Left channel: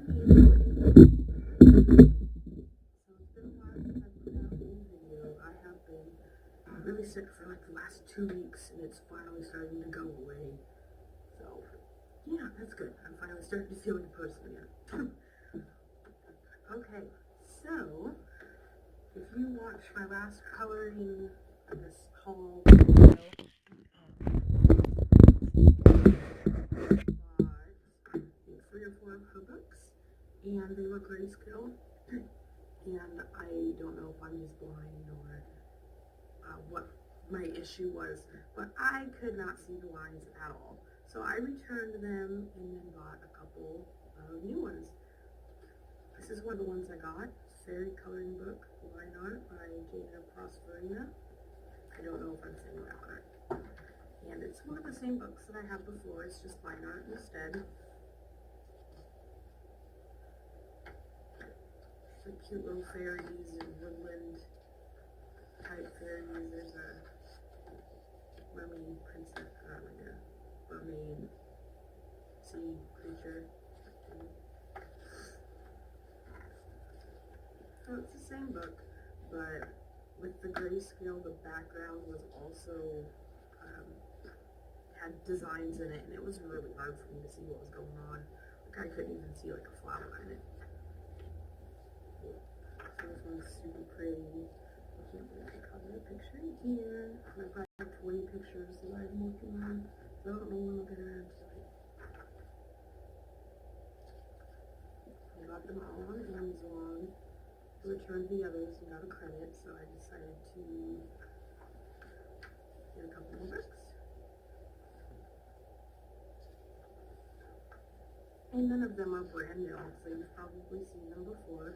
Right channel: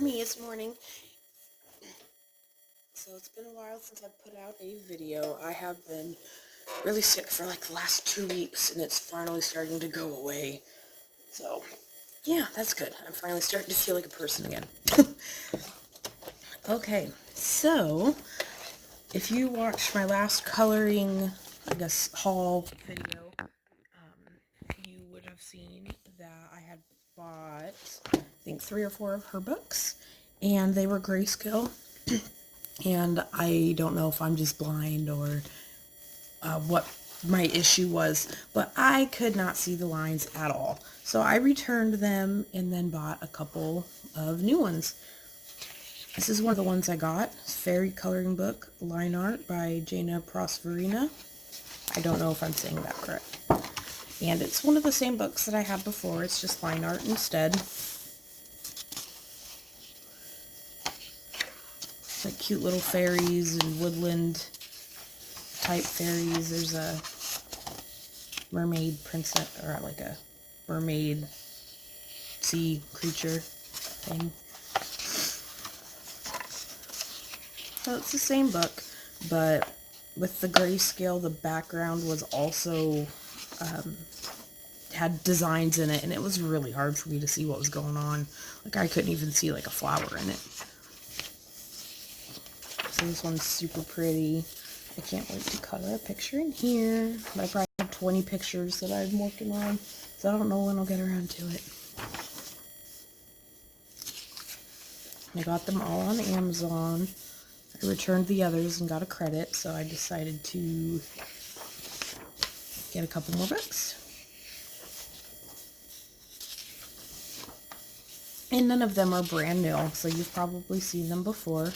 for me this morning. So it's been a while since I put out a video. I have been really sick for like the last 2 weeks, and it's finally starting to go away. So yeah, that's good. I'm finally starting to feel like a person again. Okay, so if you watched my last coloring, I guess, haul video, you would have seen that I had bought, I think, 3 or 4 of her books, and they were grayscale. And I don't know if I'm just blind or what my issue was, but I could not see the lines at all. So I returned them and then bought a couple of new ones. This is one of the ones I got. Fairy Coloring Book Line Art by Jana Prosperina. I don't know if I'm saying that correct. And it's one of the same books that I had before. It's just line art instead. Like cute little fairies and woodland type fairies. There's a mermaid princess, or like a mermaid sea creature thing. So it's the same book, but with the grayscale, the background was also had designs in it, and it was really hard for me to see what was going on. Like I couldn't even see like a flower in it. So this one's super pretty. I can't wait to color a picture in here. But I probably have 20 pictures that I'm working on, so I don't know when I'll get around to it. I got them all on Amazon. I returned the others and got a credit, so I decided to get a couple more books. And none of them are brand new, so you've probably seen them before.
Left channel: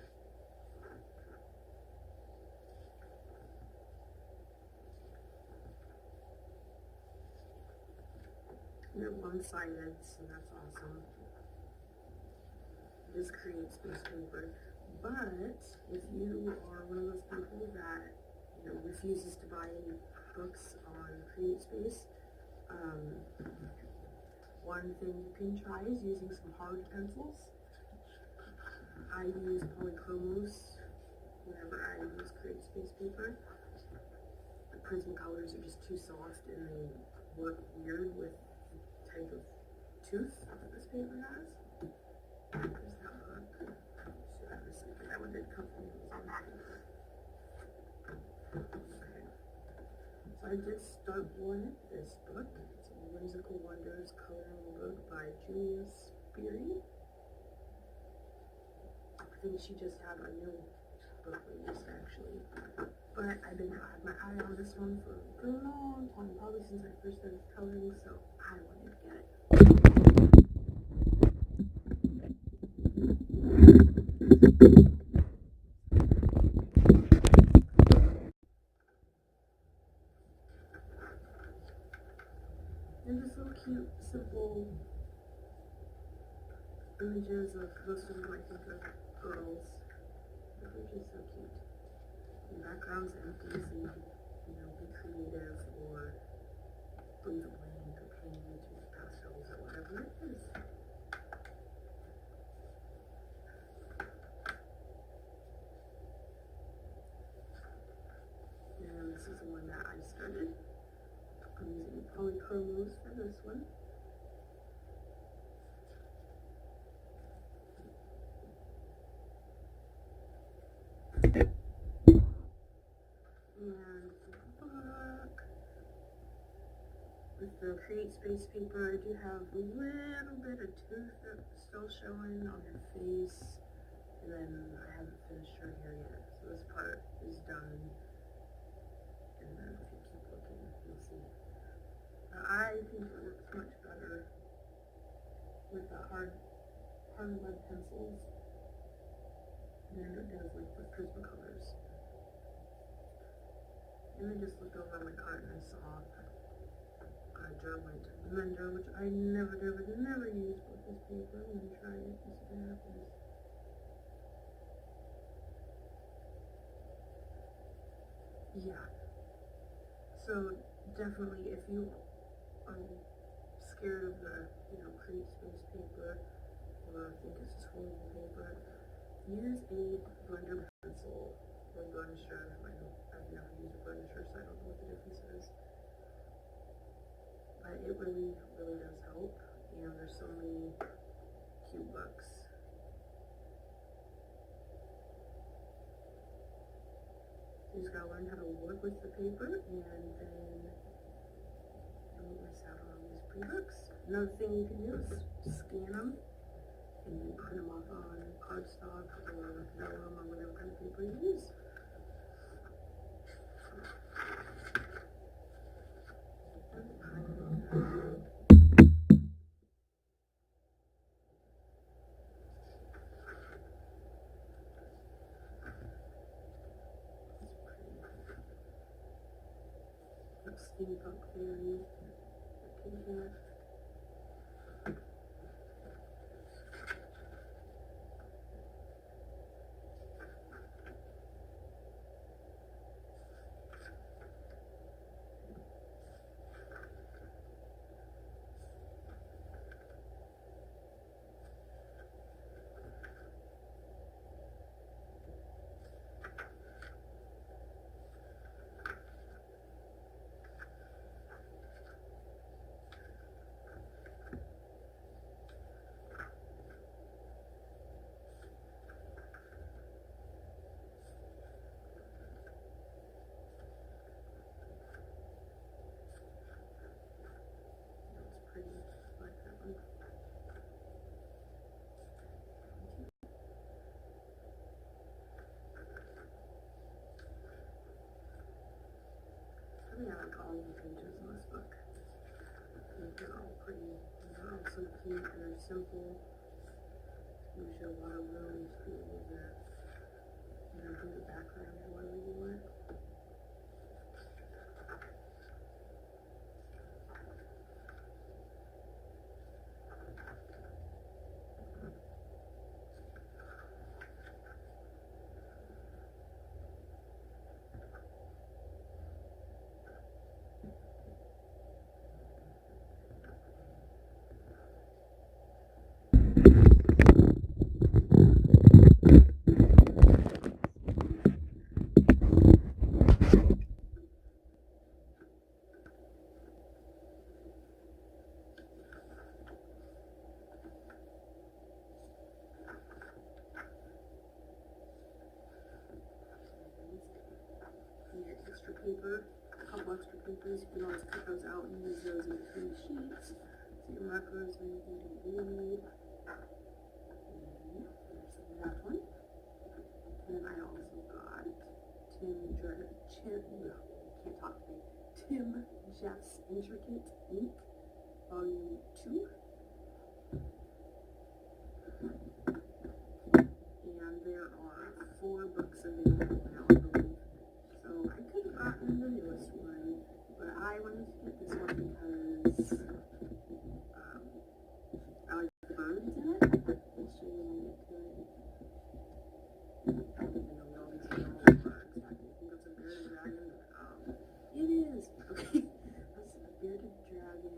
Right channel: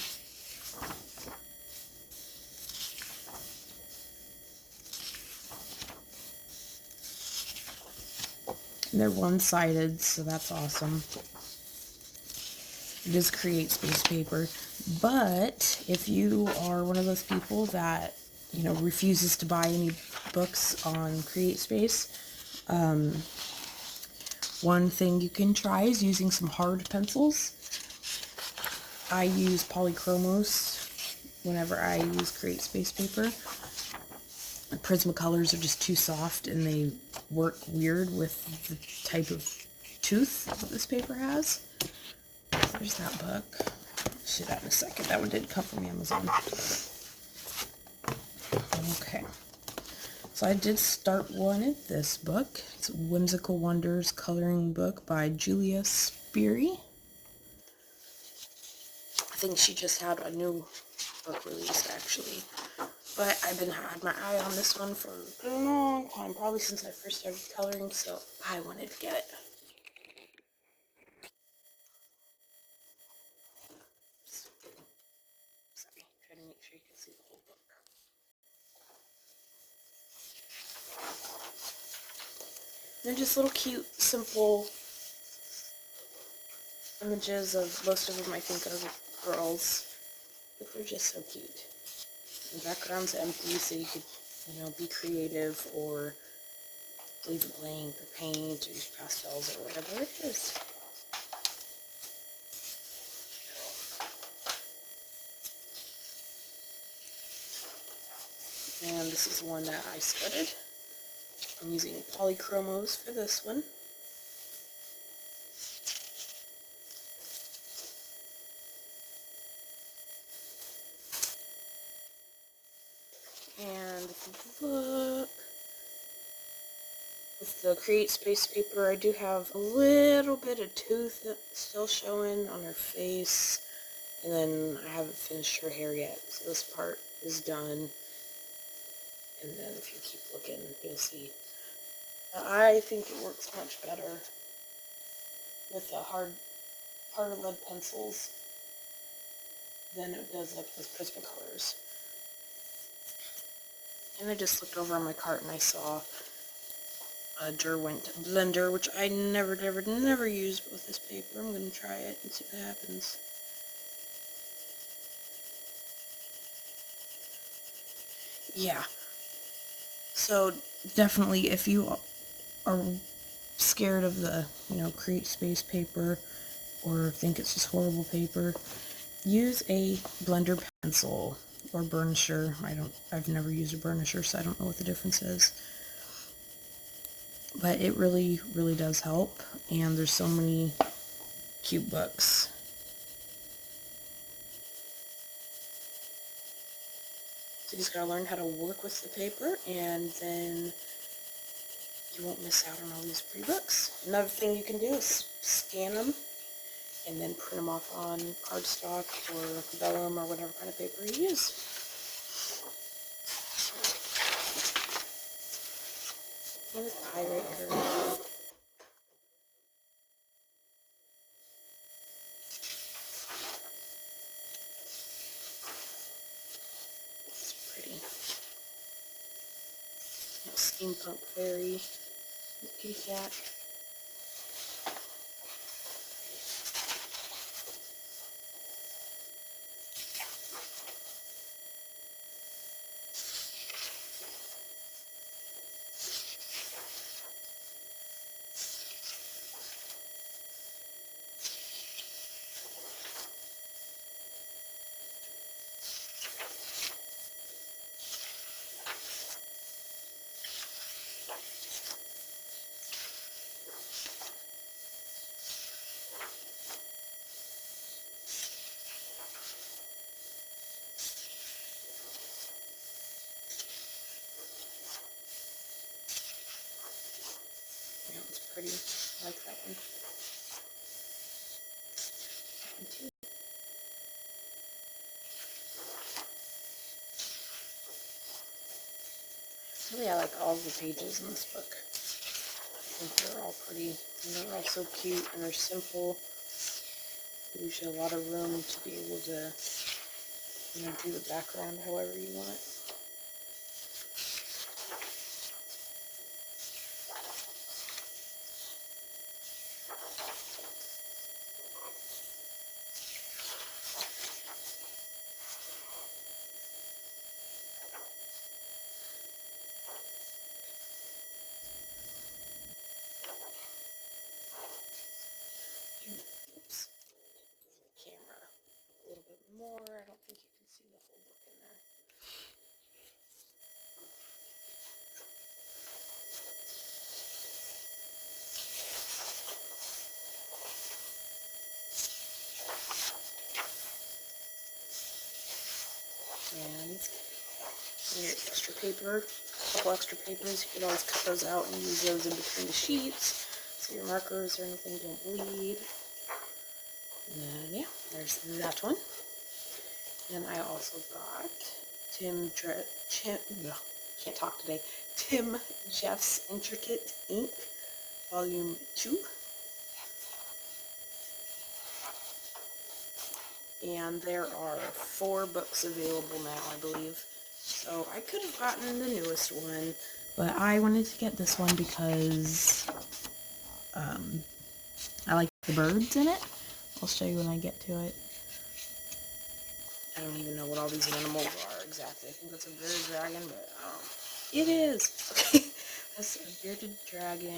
They're one-sided, so that's awesome. It is Create Space paper, but if you are one of those people that, refuses to buy any books on Create Space, one thing you can try is using some hard pencils. I use polychromos whenever I use Create Space paper. Prismacolors are just too soft, and they work weird with the type of tooth that this paper has. So there's that book. I'll show that in a second. That one did come from Amazon. Okay. So I did start one in this book. It's Whimsical Wonders Coloring Book by Julia Speary. I think she just had a new book released, actually. But I've had my eye on this one for a long time, probably since I first started coloring, so I wanted to get it. They're just little cute, simple images of, most of them I think are girls, but they're just so cute. The background's empty, so you could, be creative or leave it blank or paint or use pastels or whatever it is. And this is the one that I started. I'm using polychromos for this one. And if you look, with the Create Space paper, I do have a little bit of tooth that's still showing on her face. And then I haven't finished her hair yet, so this part is done. And then if you keep looking, you'll see. I think it works much better with the hard lead pencils than it does with Prismacolors. And I just looked over on my cart and I saw a Derwent blender, which I never use with this paper. I'm going to try it and see what happens. Yeah. So definitely, if you are scared of the, Create Space paper, or think it's just horrible paper, use a blender pencil or burnisher. I've never used a burnisher, so I don't know what the difference is. But it really, really does help, and there's so many cute books. So you just gotta learn how to work with the paper, and then you won't miss out on all these pretty books. Another thing you can do is scan them and then print them off on cardstock or vellum or whatever kind of paper you use. What is the highlighter? It's pretty. Little steampunk fairy. Kitty cat. Pretty. I like that one. Really, I like all of the pages in this book. I think they're all pretty, and they're all so cute, and they're simple. Gives you a lot of room to be able to, do the background however you want it. Your extra paper, a couple extra papers, you can always cut those out and use those in between the sheets so your markers or anything don't bleed. And then, yeah, there's that one. And then I also got can't talk today, Tim Jeff's Intricate Ink, Volume 2. And there are 4 books available now, I believe. So I could have gotten the newest one, but I wanted to get this one because I like the birds in it. I'll show you when I get to it. I don't even know what all these animals are exactly. I think that's a bearded dragon, but it is. Okay, that's a bearded dragon.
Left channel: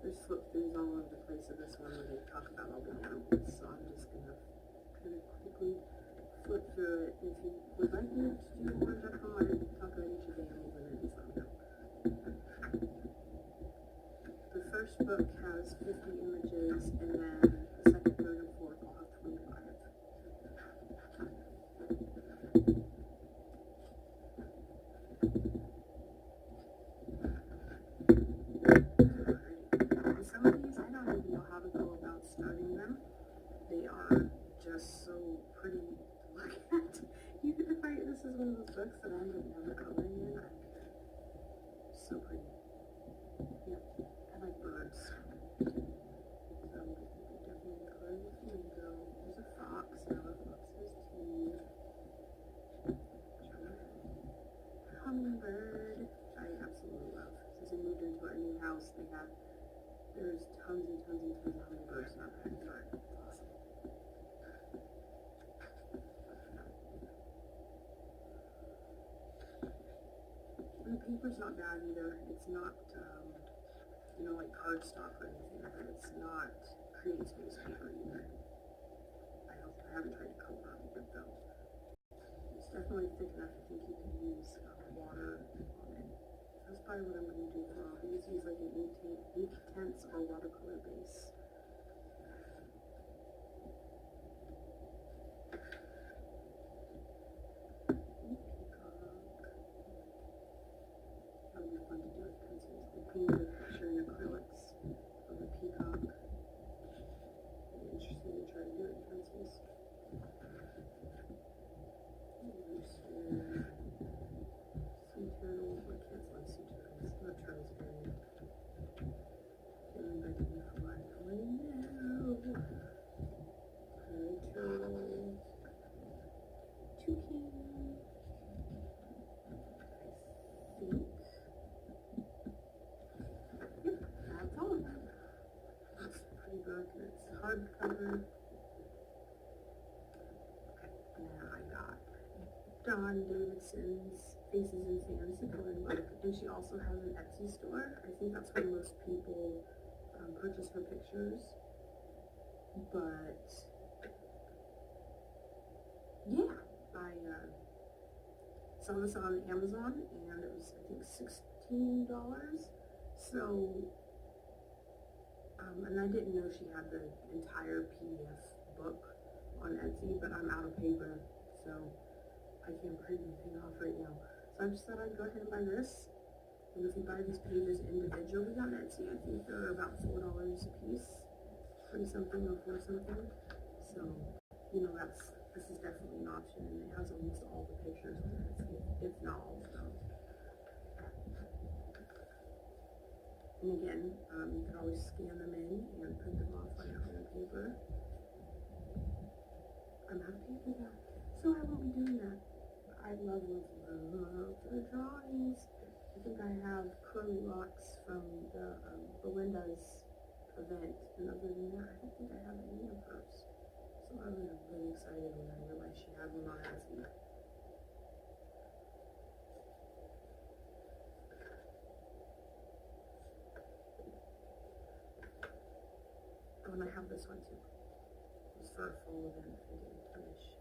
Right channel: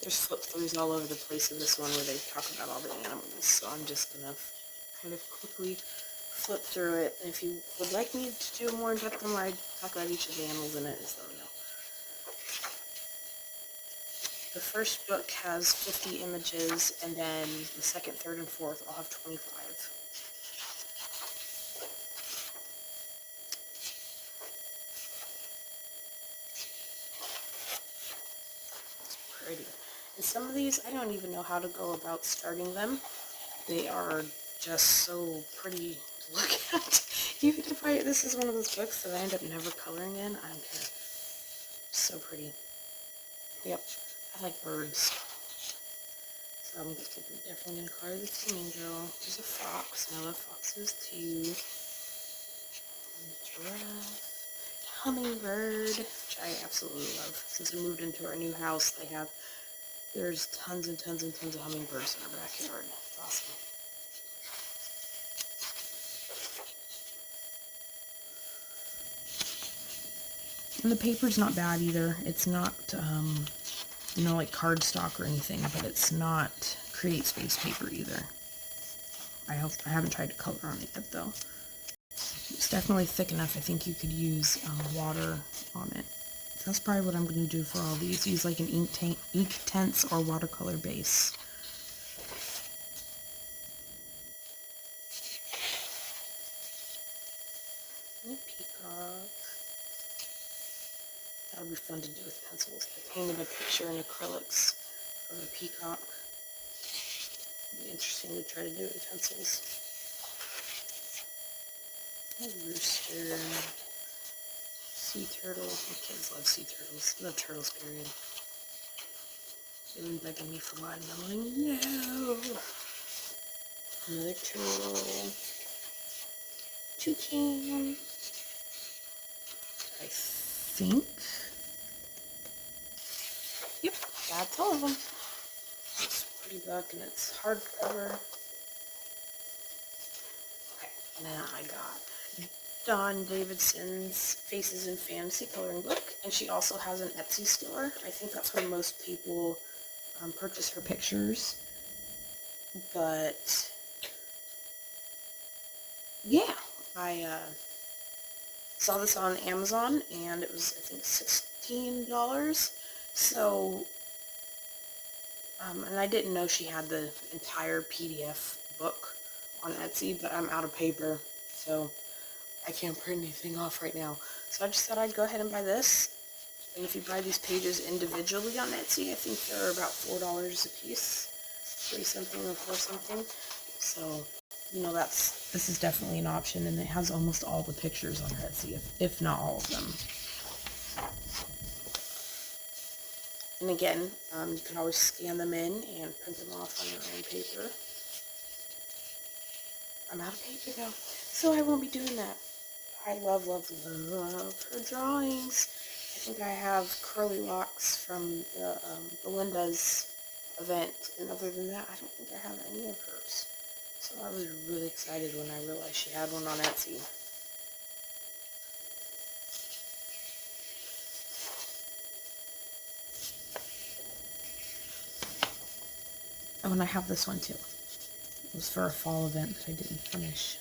There's flip-throughs all over the place in this one where they talk about all the animals, so I'm just going to kind of quickly flip through it. And if you would like me to do a more in-depth one where I talk about each of the animals in it, just let me know. The first book has 50 images, and then the second, third, and fourth all have 25. It's pretty. And some of these, I don't even know how to go about starting them. They are just so pretty to look at. Even if this is one of those books that I end up never coloring in, I don't care. So pretty. Yep, I like birds. So I'm definitely going to color the Teen Angel. There's a fox, and I love foxes too. Giraffe. Hummingbird, which I absolutely love. Since we moved into our new house, there's tons and tons and tons of hummingbirds in our backyard. It's awesome. And the paper's not bad either. It's not, you know, like cardstock or anything, but it's not Create Space paper either. I haven't tried to color on it yet though. It's definitely thick enough. I think you could use water on it. So that's probably what I'm going to do for all these. Use like an ink tints or watercolor base. Peacock. That would be fun to do with pencils. I painted a picture in acrylics of a peacock. It'd be interesting to try to do it in pencils. A rooster. Sea turtle. My kids love sea turtles. No turtles, period. They've been begging me for one. I'm like, no. Another turtle. Toucan. I think. Yep, that's all of them. It's a pretty book and it's hardcover. Okay, now I got Dawn Davidson's Faces in Fantasy coloring book, and she also has an Etsy store. I think that's where most people purchase her pictures. But yeah, I saw this on Amazon, and it was, I think, $16. So, and I didn't know she had the entire PDF book on Etsy, but I'm out of paper, so I can't print anything off right now. So I just thought I'd go ahead and buy this. And if you buy these pages individually on Etsy, I think they're about $4 a piece. 3 something or 4 something. So, you know, this is definitely an option, and it has almost all the pictures on Etsy, if not all of them. And again, you can always scan them in and print them off on your own paper. I'm out of paper though, so I won't be doing that. I love, love, love her drawings. I think I have curly locks from the Belinda's event, and other than that, I don't think I have any of hers. So I was really excited when I realized she had one on Etsy. Oh, and I have this one too. It was for a fall event that I didn't finish.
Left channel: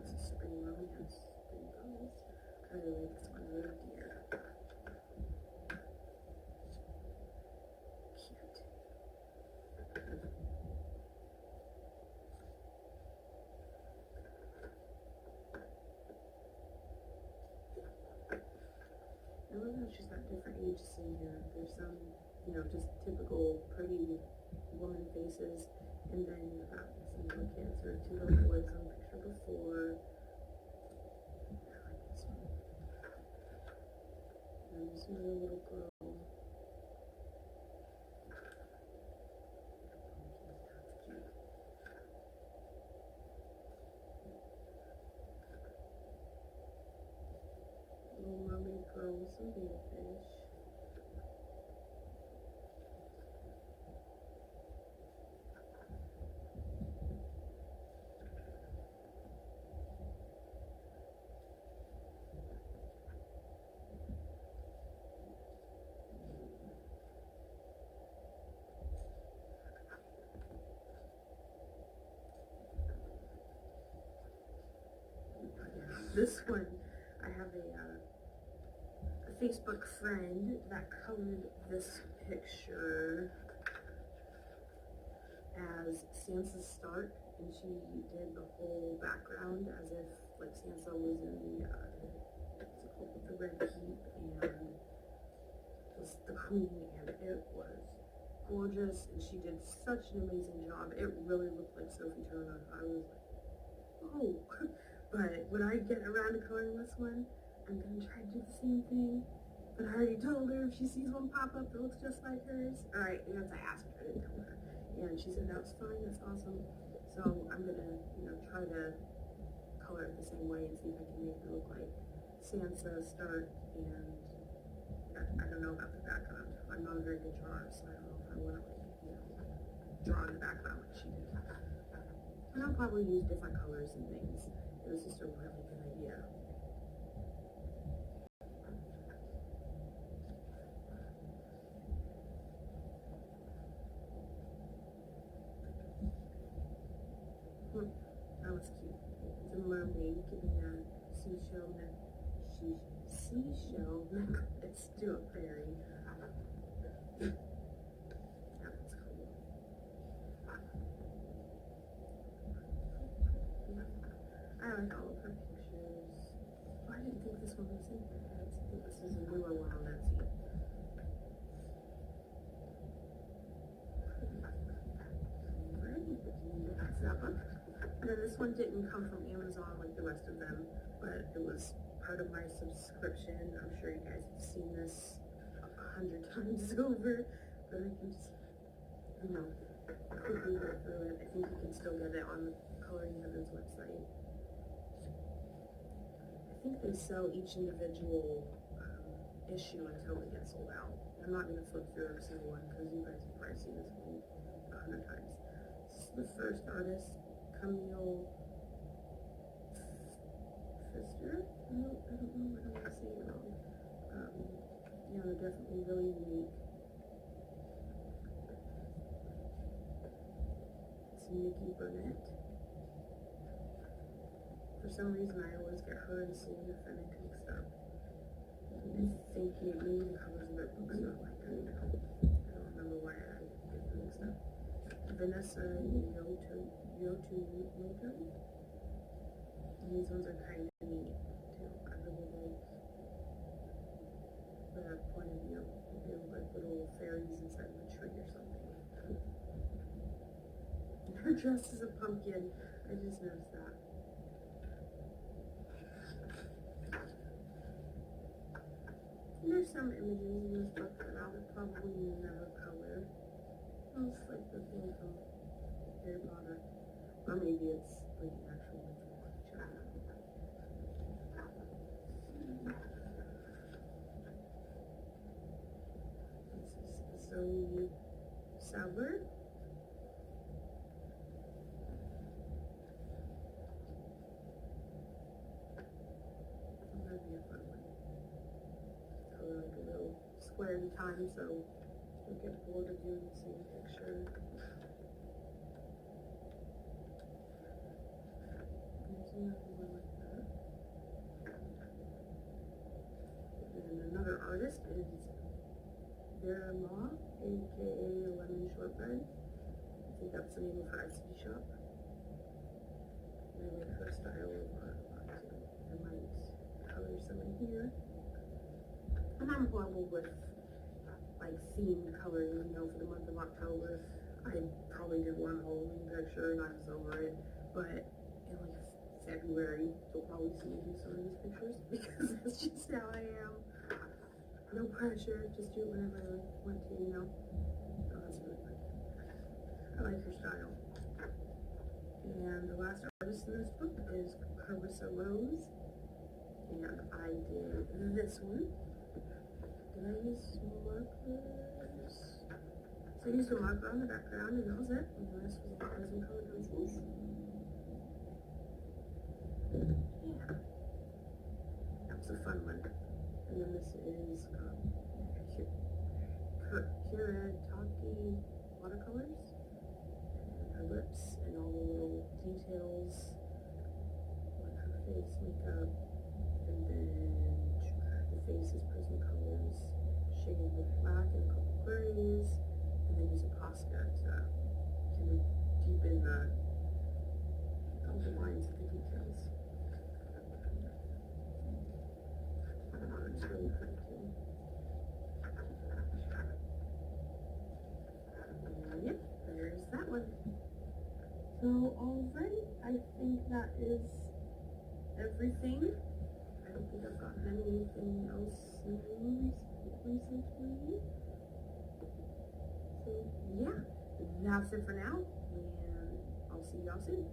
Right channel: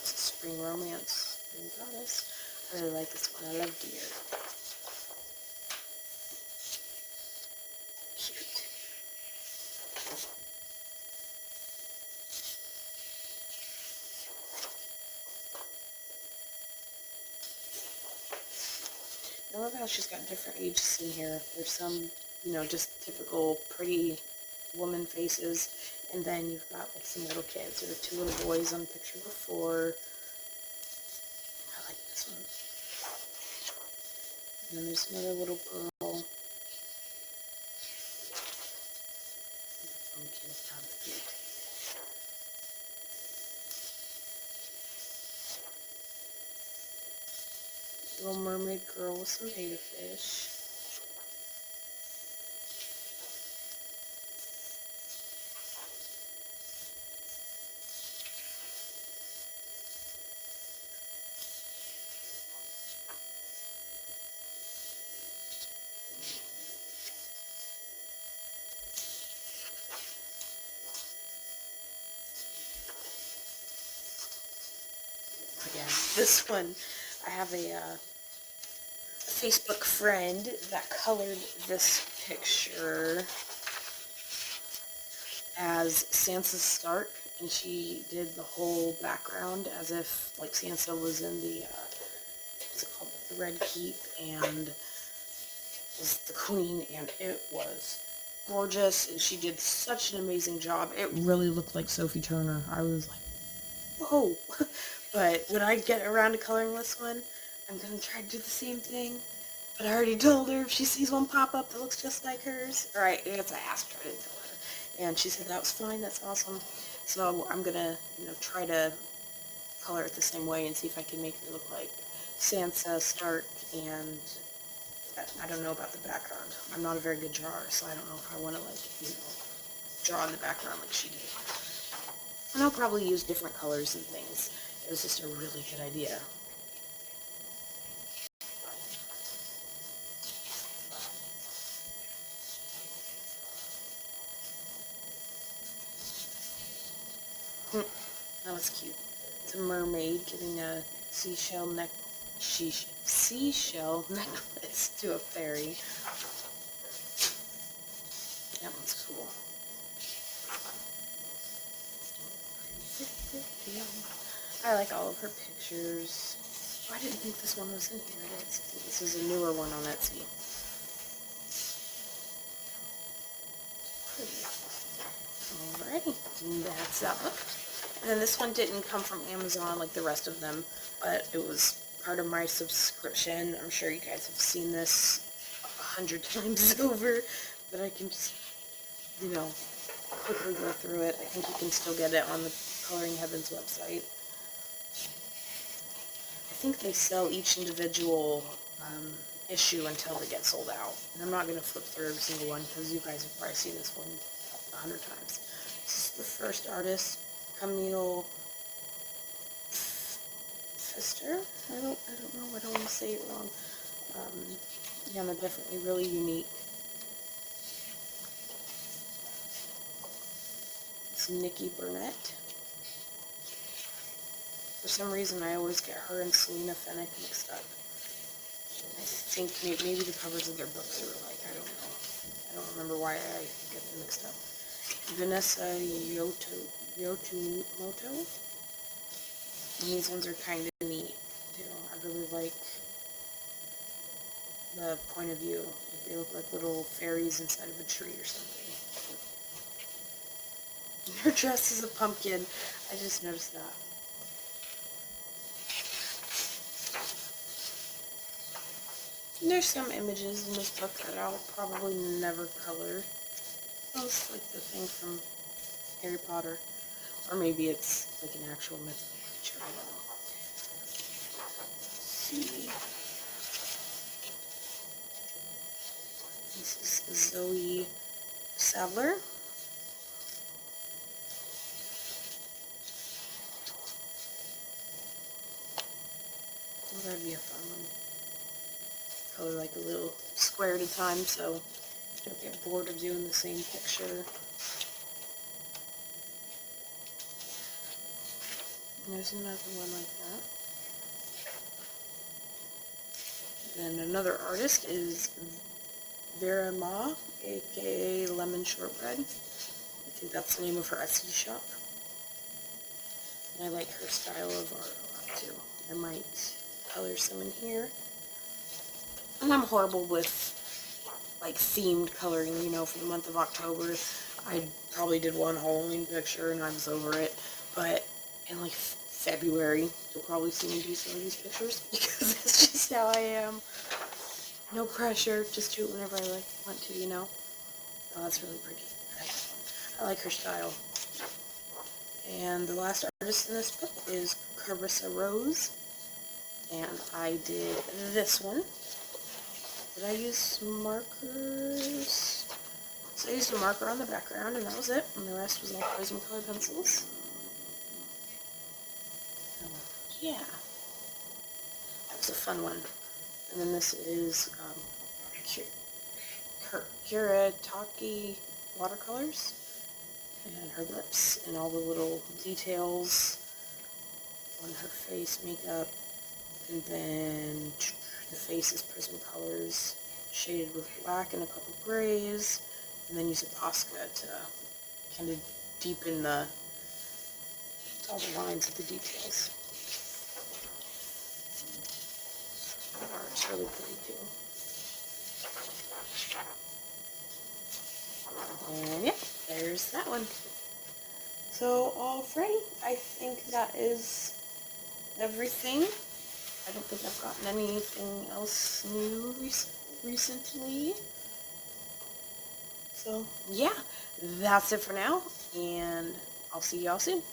It's a spring romance. Spring promise. I really like this one. I love deer. Cute. I love how she's got different ages in here. There's some, you know, just typical pretty woman faces, and then you've got like some little kids. There were 2 little boys on the picture before. I like this one. And then there's another little girl. Some kids down the feet. Little mermaid girl with some betta fish. Yeah, this one, I have a Facebook friend that colored this picture as Sansa Stark, and she did the whole background as if like Sansa was in the what's it called, the Red Keep, and was the queen, and it was gorgeous, and she did such an amazing job. It really looked like Sophie Turner. I was like, whoa. But when I get around to coloring this one, I'm going to try to do the same thing. But I already told her if she sees one pop up that looks just like hers, or I asked her, I didn't tell her, and she said that was fine, that's awesome. So I'm going to, you know, try to color it the same way and see if I can make it look like Sansa Stark. And I don't know about the background. I'm not a very good drawer, so I don't know if I want to, like, you know, draw in the background like she did. And I'll probably use different colors and things. It was just a really good idea. That was cute. It's a mermaid giving a seashell necklace to a fairy. That one's cool. I like all of her pictures. Oh, I didn't think this one was in here. I think this is a newer one on Etsy. Alrighty, that's that one. And then this one didn't come from Amazon like the rest of them, but it was part of my subscription. I'm sure you guys have seen this 100 times over, but I can just, you know, quickly go through it. I think you can still get it on the Coloring Heavens website. I think they sell each individual issue until it gets sold out. And I'm not going to flip through every single one because you guys have probably seen this one 100 times. This is the first artist, Camille Pfister. I don't know. I don't want to say it wrong. Yeah, they're definitely really unique. It's Nikki Burnett. For some reason, I always get her and Selena Fennick mixed up. I think maybe the covers of their books are like, I don't know. I don't remember why I get them mixed up. Vanessa Yotumoto. And these ones are kind of neat, too. I really like the point of view. They look like little fairies inside of a tree or something. And her dress is a pumpkin. I just noticed that. And there's some images in this book that I'll probably never color. Oh, it's like the thing from Harry Potter. Or maybe it's like an actual mythical creature, I don't know. Let's see. This is Zoe Sadler. Oh, that'd be a fun one. Color like a little square at a time so you don't get bored of doing the same picture. And there's another one like that. And another artist is Vera Ma, aka Lemon Shortbread. I think that's the name of her Etsy shop. And I like her style of art a lot too. I might color some in here. And I'm horrible with like themed coloring, you know, for the month of October. I probably did one Halloween picture and I was over it. But in like February, you'll probably see me do some of these pictures because that's just how I am. No pressure, just do it whenever I want to, you know. Oh, that's really pretty. I like her style. And the last artist in this book is Carissa Rose. And I did this one. Did I use markers? So I used a marker on the background and that was it. And the rest was all Prismacolor pencils. Yeah. That was a fun one. And then this is Kuretake watercolors. And her lips and all the little details on her face, makeup. And then the face is Prismacolors shaded with black and a couple grays. And then use a Posca to kind of deepen all the lines of the details. It's really pretty too. And yeah, there's that one. So, alright, I think that is everything. I don't think I've gotten anything else new recently. So, yeah, that's it for now, and I'll see y'all soon.